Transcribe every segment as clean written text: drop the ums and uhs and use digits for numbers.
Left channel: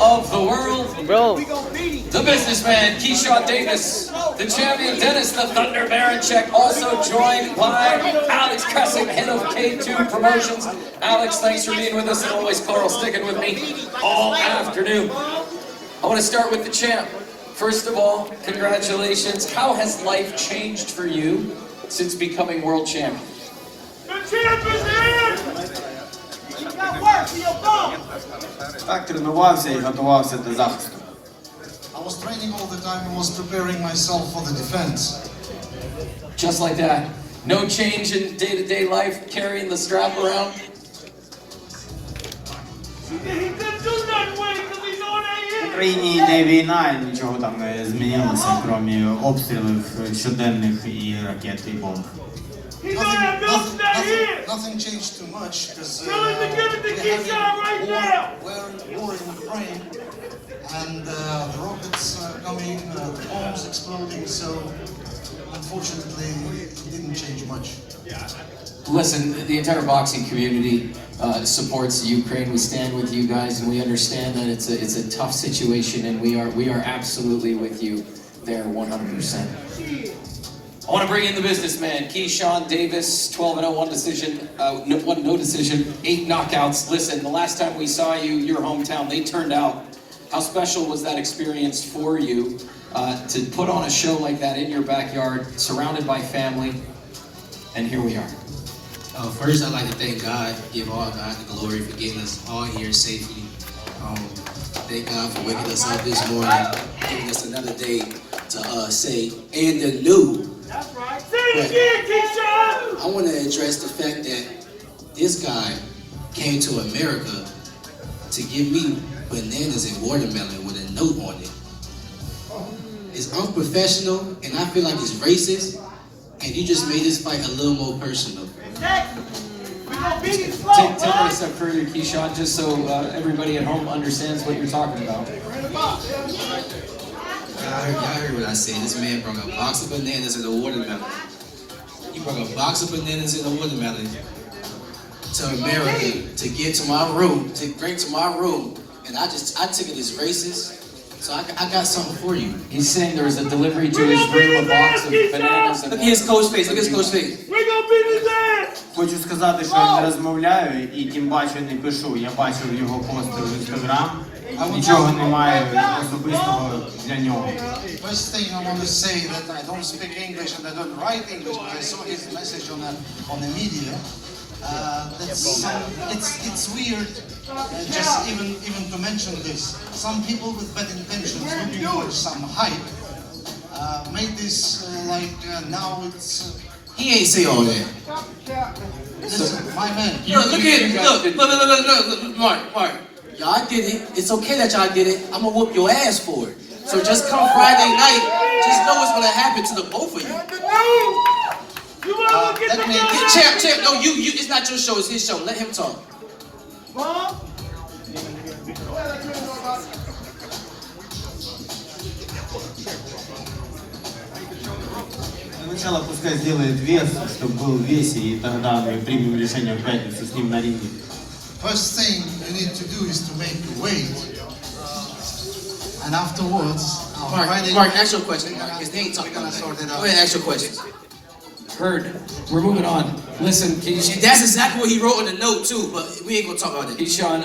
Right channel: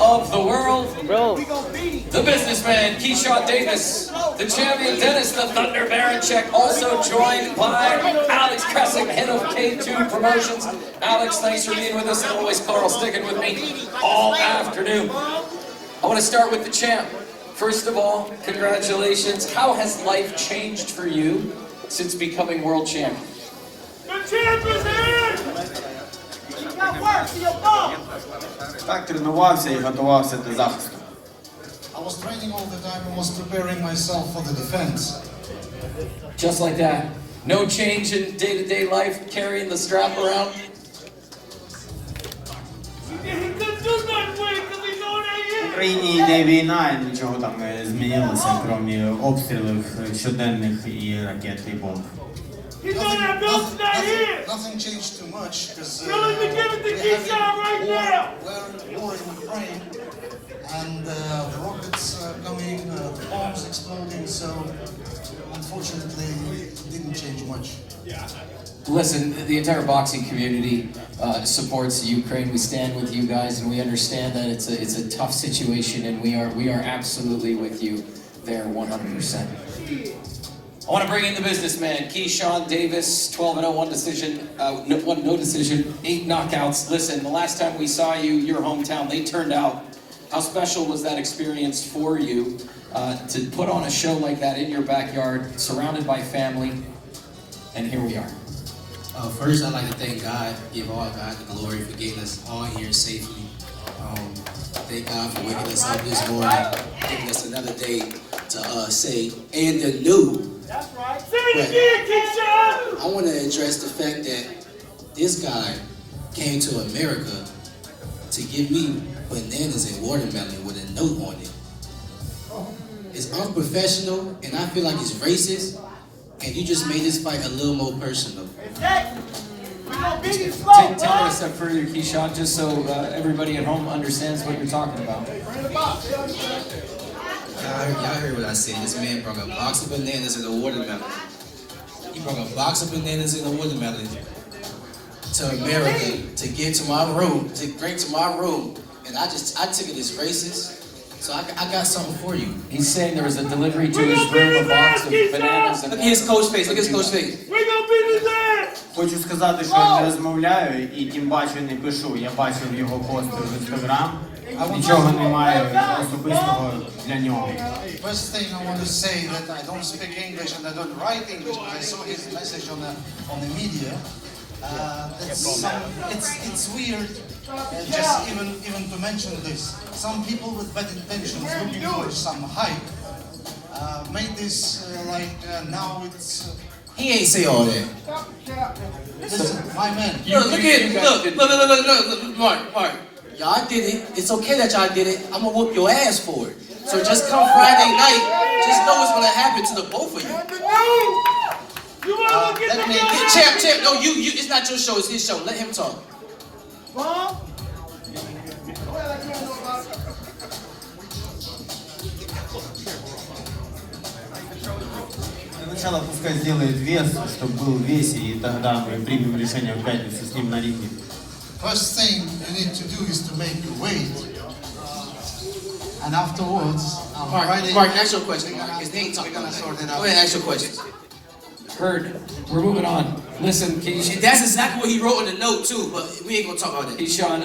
of the world, the businessman Keyshawn Davis, the champion Dennis the Thunder Berinchyk, also joined by Alex Kressing, head of K2 Promotions. Alex, thanks for being with us, and always Carl sticking with me all afternoon. I want to start with the champ. First of all, congratulations. How has life changed for you since becoming world champion? The champ is here! You got work, you're gone! Так тренувався і готувався до захисту. I was training all the time and was preparing myself for the defense. Just like that. No change in day-to-day life, carrying the strap around? He couldn't do nothing with it because he know that В Україні йде війна, нічого там не змінилося, крім обстрілів щоденних і ракет і бомб. He know that building's not here! Nothing changed too much because Tell him to give it to Keyshawn right now! we're war in Ukraine and the rockets coming, the bombs exploding, so unfortunately it didn't change much. Listen, the entire boxing community supports Ukraine. We stand with you guys, and we understand that it's a tough situation, and we are absolutely with you there 100%. I want to bring in the businessman, Keyshawn Davis, 12-0, one decision, no decision, 8 knockouts. Listen, the last time we saw you, your hometown, they turned out. How special was that experience for you to put on a show like that in your backyard, surrounded by family, and here we are. First, I'd like to thank God, give all God the glory for getting us all here safely. Thank God for waking us up this morning, giving us another day to say, and the new. That's right. Say it again, Keyshawn! I want to address the fact that this guy came to America to give me bananas and watermelon with a note on it. It's unprofessional, and I feel like it's racist, and you just made this fight a little more personal. Exactly. We're gonna beat you slow, Take it a step further, Keyshawn, just so everybody at home understands what you're talking about. Y'all heard what I said. This man brought a box of bananas and a watermelon. He brought a box of bananas and a watermelon to America to get to my room, to bring to my room. And I took it as racist. So I got something for you. He's saying there was a delivery to his room, a box of bananas and... Look at his coach face. Look at his coach face. We're gonna beat his ass! Хочу сказати, що я не розмовляю і тим паче не пишу. Я бачив його пости в Інстаграм. Нічого немає особистого для нього. First thing I want to say that I don't speak English and I don't write English, but I saw his message on the media. It's weird just even to mention this. Some people with bad intentions looking for some hype made this now it's. He ain't say all that. Listen, my man. Look, Mark. Y'all get it. It's okay that y'all get it. I'm gonna whoop your ass for it. So just come Friday night, just know what's gonna happen to the both of you. Champ, no, you, it's not your show, it's his show. Let him talk. Сначала пускай сделает вес, чтобы был в весе, и тогда мы примем решение в пятницу с ним на ринге. First thing you need to do is to make the weight, and afterwards. Mark, ask your question. Mark, his name talking about that. Go ahead, ask your question. Heard. We're moving on. Listen, Keyshawn. That's exactly what he wrote in the note too, but we ain't gonna talk about it. Keyshawn,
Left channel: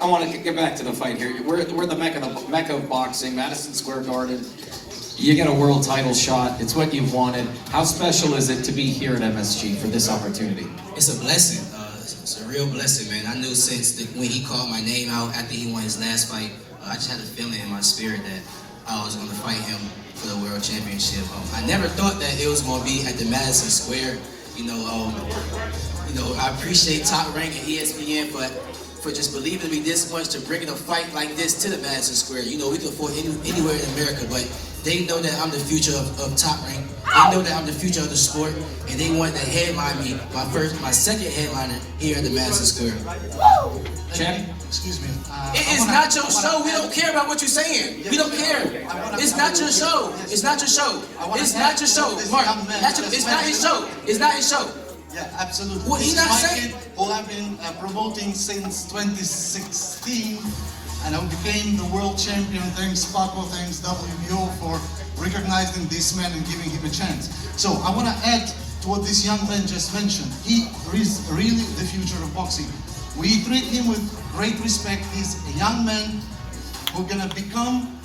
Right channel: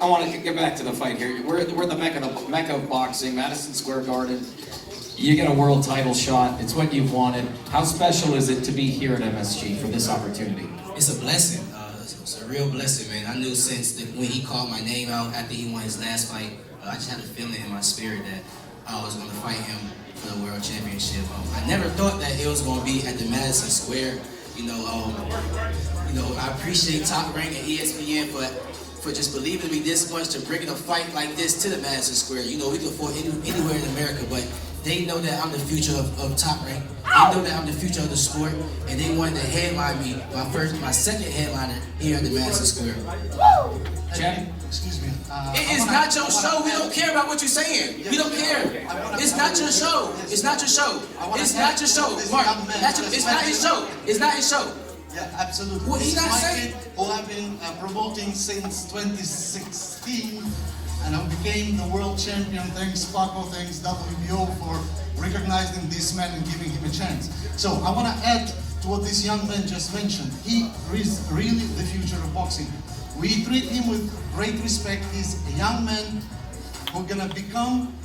I want to get back to the fight here. We're the mecca of boxing, Madison Square Garden. You get a world title shot. It's what you've wanted. How special is it to be here at MSG for this opportunity? It's a blessing. It's a real blessing, man. I knew since when he called my name out after he won his last fight, I just had a feeling in my spirit that I was going to fight him for the world championship. I never thought that it was going to be at the Madison Square. I appreciate Top Rank and ESPN for just believing me this much to bringing a fight like this to the Madison Square. We can fight anywhere in America, but they know that I'm the future of Top Rank. They know that I'm the future of the sport, and they wanted to headline me, my second headliner here at the Madison Square. Champ? Excuse me. It's not your show. We don't care about what you're saying. We don't care. It's not your show. It's not your show. It's not your show. Mark, it's not his show. It's not his show. Yeah, absolutely. What he's not saying? Who I've been promoting since 2016. and I became the world champion. Thanks Paco, thanks WBO for recognizing this man and giving him a chance. So I want to add to what this young man just mentioned. He is really the future of boxing. We treat him with great respect. He's a young man who's gonna become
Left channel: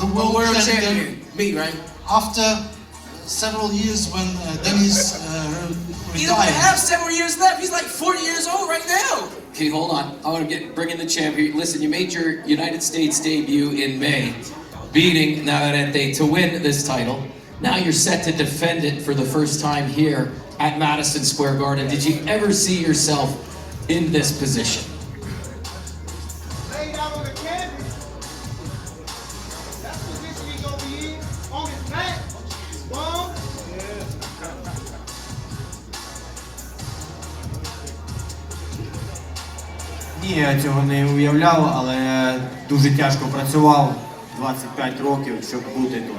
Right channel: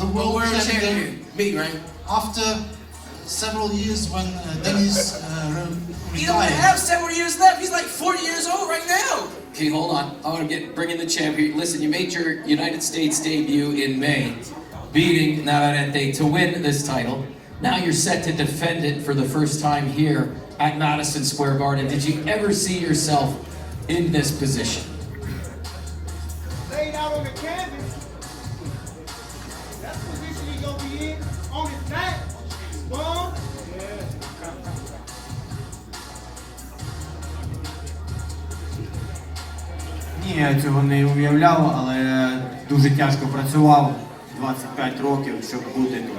the world champion. Me, right? After several years when Dennis He don't retired. have several years left. He's like 40 years old right now. Okay, hold on. I want to bring in the champion. Listen, you made your United States debut in May, beating Navarrete to win this title. Now you're set to defend it for the first time here at Madison Square Garden. Did you ever see yourself in this position? Laid out on the canvas. That's the position he's gonna be in. On his back. Bum. Ні, я цього не уявляв, але дуже тяжко працював 25 років, щоб бути тут.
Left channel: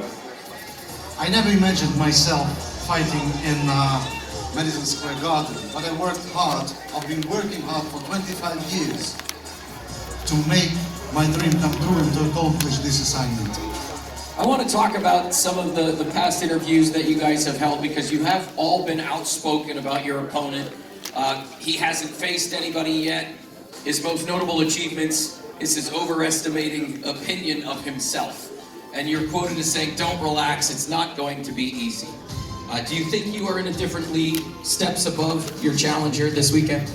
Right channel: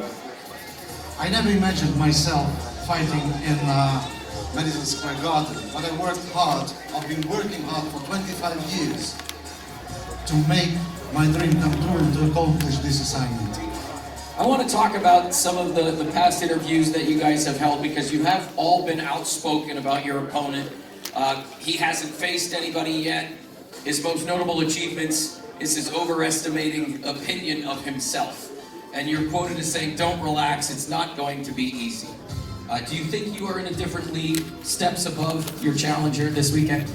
I never imagined myself fighting in Madison Square Garden, but I worked hard. I've been working hard for 25 years to make my dream come true and to accomplish this assignment. I want to talk about some of the past interviews that you guys have held because you have all been outspoken about your opponent. He hasn't faced anybody yet. His most notable achievements is his overestimating opinion of himself. And you're quoted as saying, "Don't relax, it's not going to be easy." Do you think you are in a different league, steps above your challenger this weekend?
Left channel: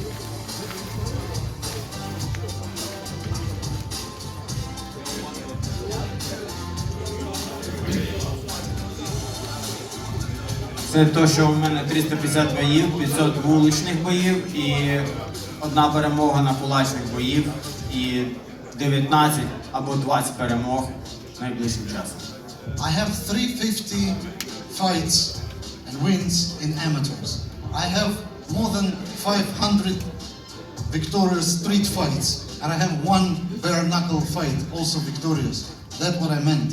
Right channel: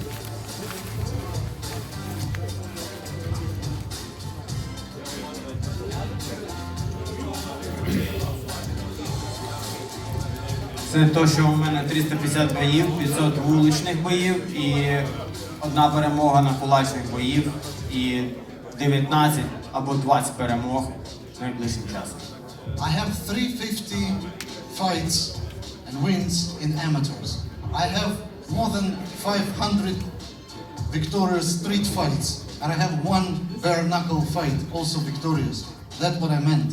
Це те, що у мене 350 боїв, 500 вуличних боїв і одна перемога на кулачних боїв і 19 або 20 перемог найближчим часом. I have 350 fights and wins in amateurs. I have more than 500 victorious street fights, and I have one bare knuckle fight, also victorious. That's what I meant.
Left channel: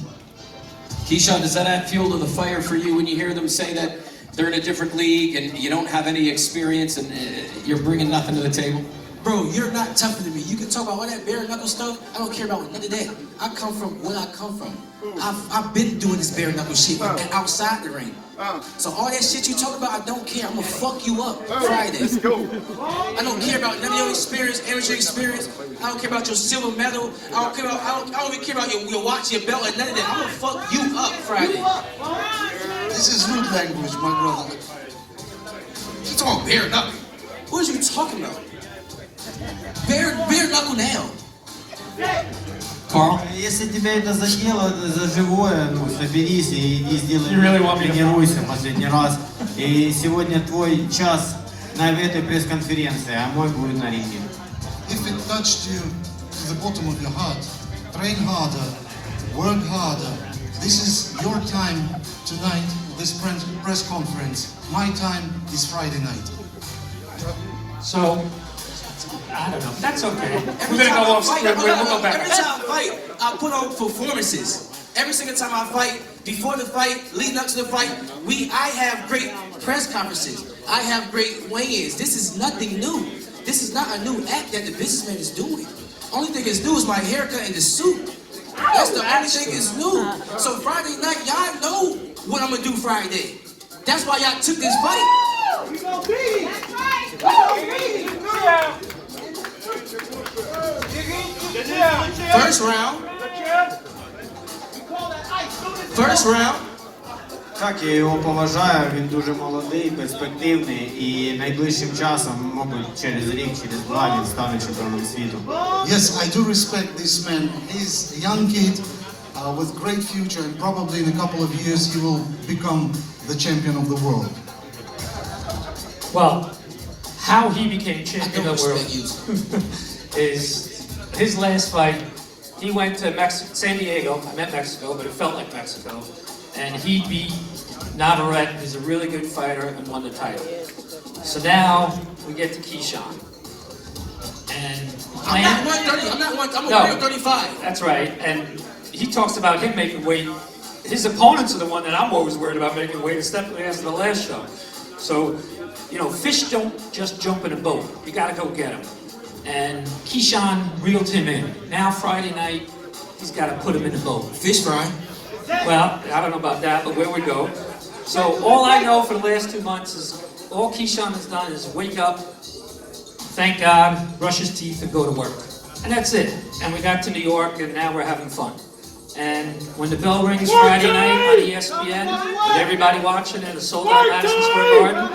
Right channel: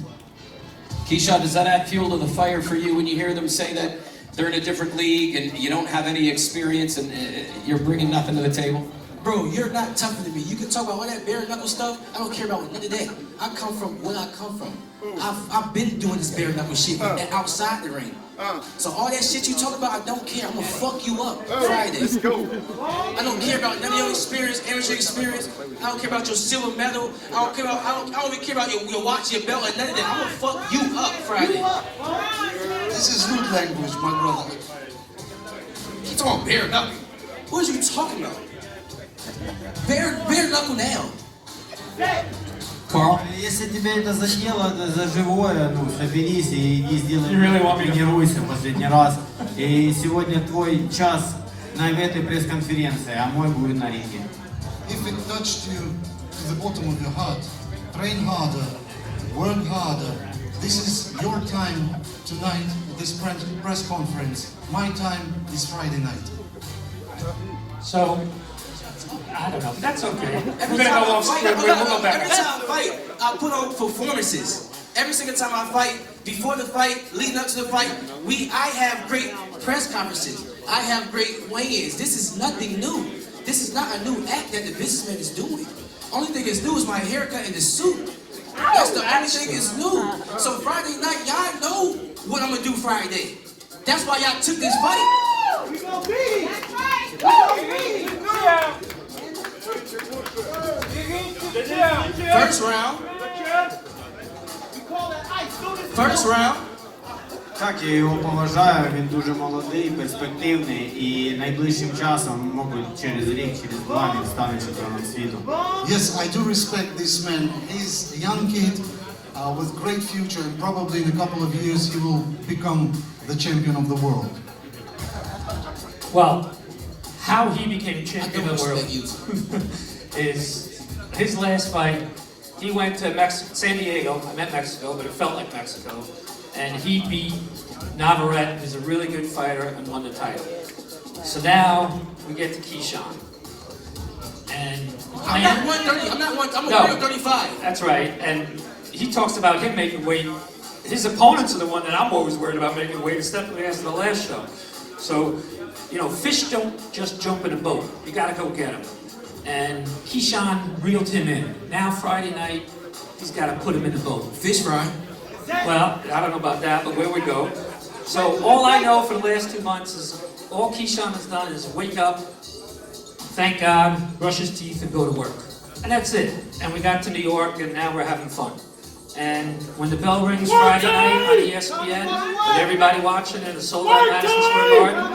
Keyshawn, does that add fuel to the fire for you when you hear them say that they're in a different league and you don't have any experience and you're bringing nothing to the table? Bro, you're not tougher than me. You can talk about all that bare knuckle stuff. I don't care about none of that. I come from where I come from. I've been doing this bare knuckle shit and outside the ring. So all that shit you talk about, I don't care. I'm gonna fuck you up Friday. I don't care about none of your experience, energy experience. I don't care about your silver medal. I don't even care about your watch, your belt, and none of that. I'm gonna fuck you up Friday. This is rude language, my brother. You talking bare knuckle? Who are you talking about? Bare knuckle now. Carl? Если тебе это задело за живое, ну, соберись и сделай, You really want me to- тренируйся последний раз. И сегодня твой час на этой пресс-конференции, а мой будет на ринге. If it touched you to the bottom of your heart, train harder, work harder. This is your time tonight, this press conference. My time is Friday night. So, I don't know. That's okay. Every We're time gonna go I off fight, script. We'll go back. every time I fight, I put on performances. Every single time I fight, before the fight, leading up to the fight, I have great press conferences. I have great weigh-ins. This is nothing new. This is not a new act that the businessman is doing. Only thing that's new is my haircut and the suit. That's the only thing that's new. So Friday night, y'all know what I'm gonna do Friday. That's why y'all took this fight. We gonna beat him. We gonna beat him. First round. We call that ice. Do this. First round. Так, я його поважаю, він дуже молодий, перспективний і найближчим часом, мабуть, через рік, через два він стане чемпіоном світу. Yes, I do respect this man. He's a young kid with great future, and probably in a couple of years he will become the champion of the world. Well, how he became I champion don't of the world respect you. is his last fight. He went to San Diego. I meant Mexico, but it felt like Mexico. And he beat Navarrete, who's a really good fighter, and won the title. So now we get to Keyshawn. And I'm not 130. I'm a No. 135. That's right. And he talks about him making weight. His opponents are the one that I'm always worried about making weight, Stephanie asked the last show. So, you know, fish don't just jump in a boat. You gotta go get them. and Keyshawn reeled him in. Now Friday night, he's got to put him in the boat. Fish fry. Well, I don't know about that, but where we go. So all I know for the last 2 months is all Keyshawn has done is wake up, thank God, brush his teeth, and go to work. And that's it. And we got to New York, and now we're having fun. And when the bell rings Friday night on ESPN, with everybody watching in the sold-out Madison Square Garden,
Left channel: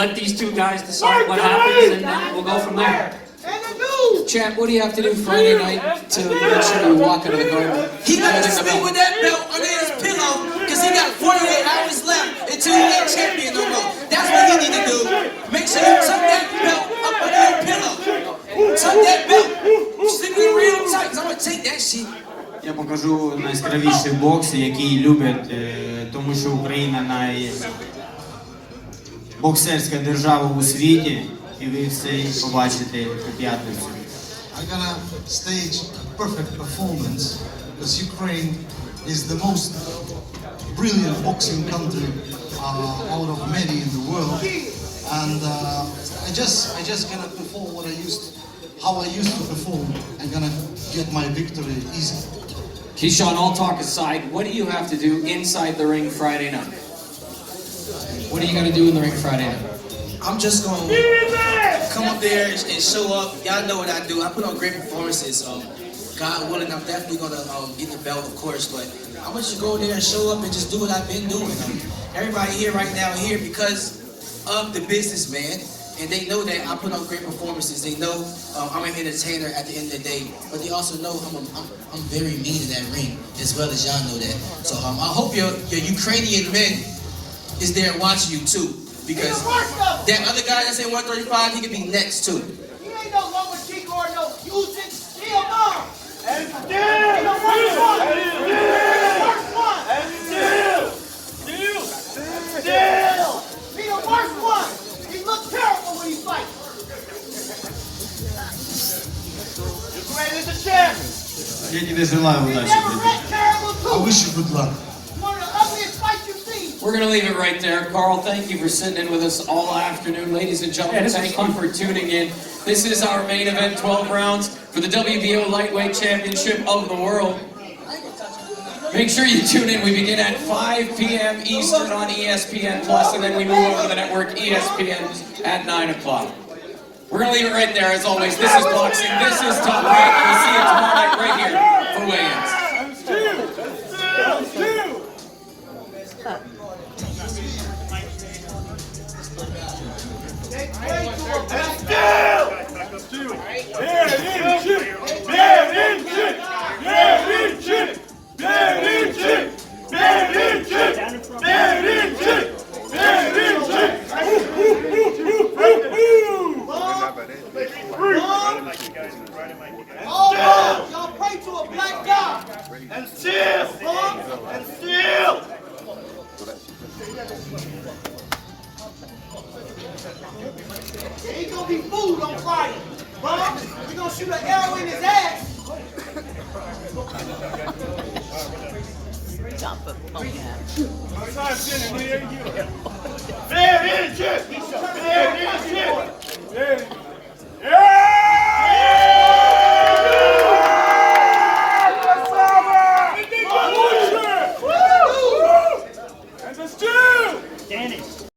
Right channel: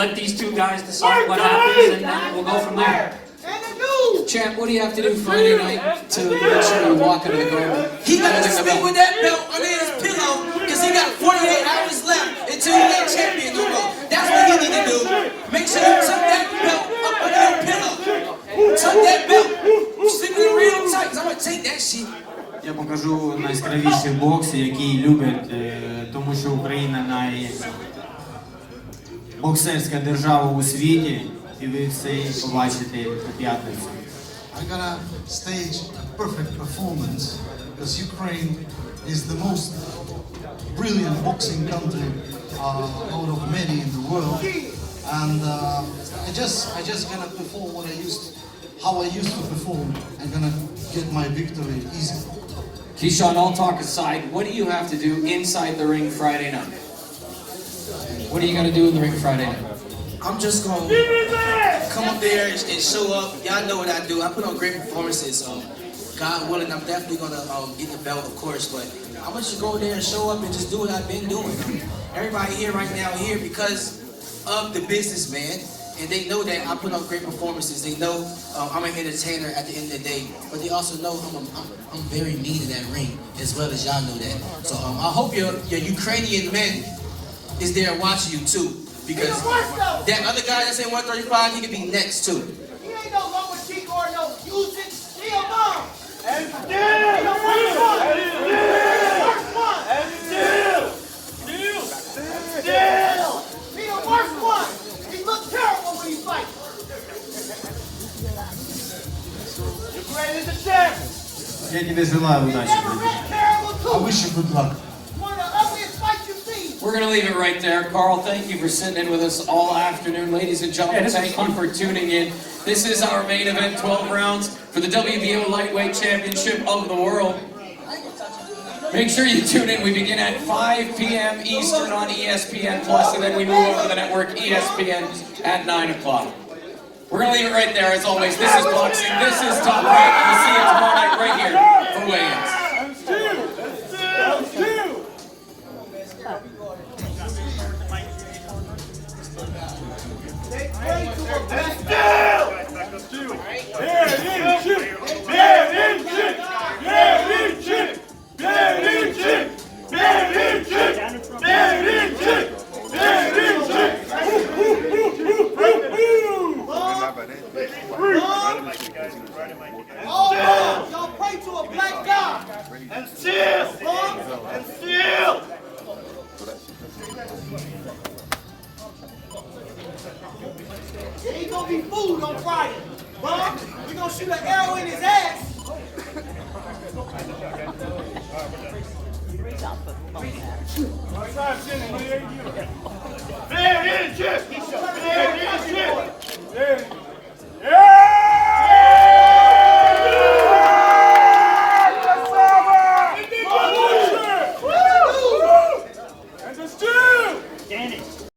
let these two guys decide what happens, and then we'll go from there. Champ, what do you have to do Friday night to make sure you walk into the garden? He got to sleep with that belt under his pillow because he got 48 hours left until he ain't champion no more. That's what he need to do. Make sure you tuck that belt up under your pillow. Tuck that belt. Sleep in real tight because I'm going to take that shit. Я покажу найяскравіший бокс, який люблять, тому що Україна найбоксерська держава у світі, і ви все побачите по п'ятницю. I'm gonna stage a perfect performance because Ukraine is the most brilliant boxing country out of many in the world, and I just gonna perform how I used to perform. I'm gonna get my victory easy. Keyshawn, all talk aside, what do you have to do inside the ring Friday night? What are you going to do in the ring Friday night? I'm just going to come up there and show up. Y'all know what I do. I put on great performances. God willing, I'm definitely going to get the belt, of course, but I'm going to just go there and show up and just do what I've been doing. Everybody here right now here because of the business, man. And they know that I put on great performances. They know I'm an entertainer at the end of the day. But they also know I'm very mean in that ring, as well as y'all know that. So I hope your Ukrainian men is there watching you too. Because that other guy that's in 135, he could be next too. He ain't no longer Chico or no music. He a mom. And still. He the worst one. He looks terrible when he fights. Ukraine is the champ. Я тебе желаю удачи. Never met terrible too. I wish you good luck. One of the ugliest fights you've seen. We're going to leave it right there. Carl, thank you for sitting in with us all afternoon. Ladies and gentlemen, thank you for tuning in. This is our main event, 12 rounds for the WBO Lightweight Championship of the World. Make sure you tune in. We begin at 5 p.m. Eastern on ESPN+, and then we move over to the network ESPN at 9 o'clock. We're going to leave it right there, as always. This is boxing. This is Top Rank, and we'll see you tomorrow night right here for weigh-ins. Oh, y'all pray to a black God. And still. Ain't gonna be food on Friday. Huh? We gonna shoot an arrow in his ass. All right,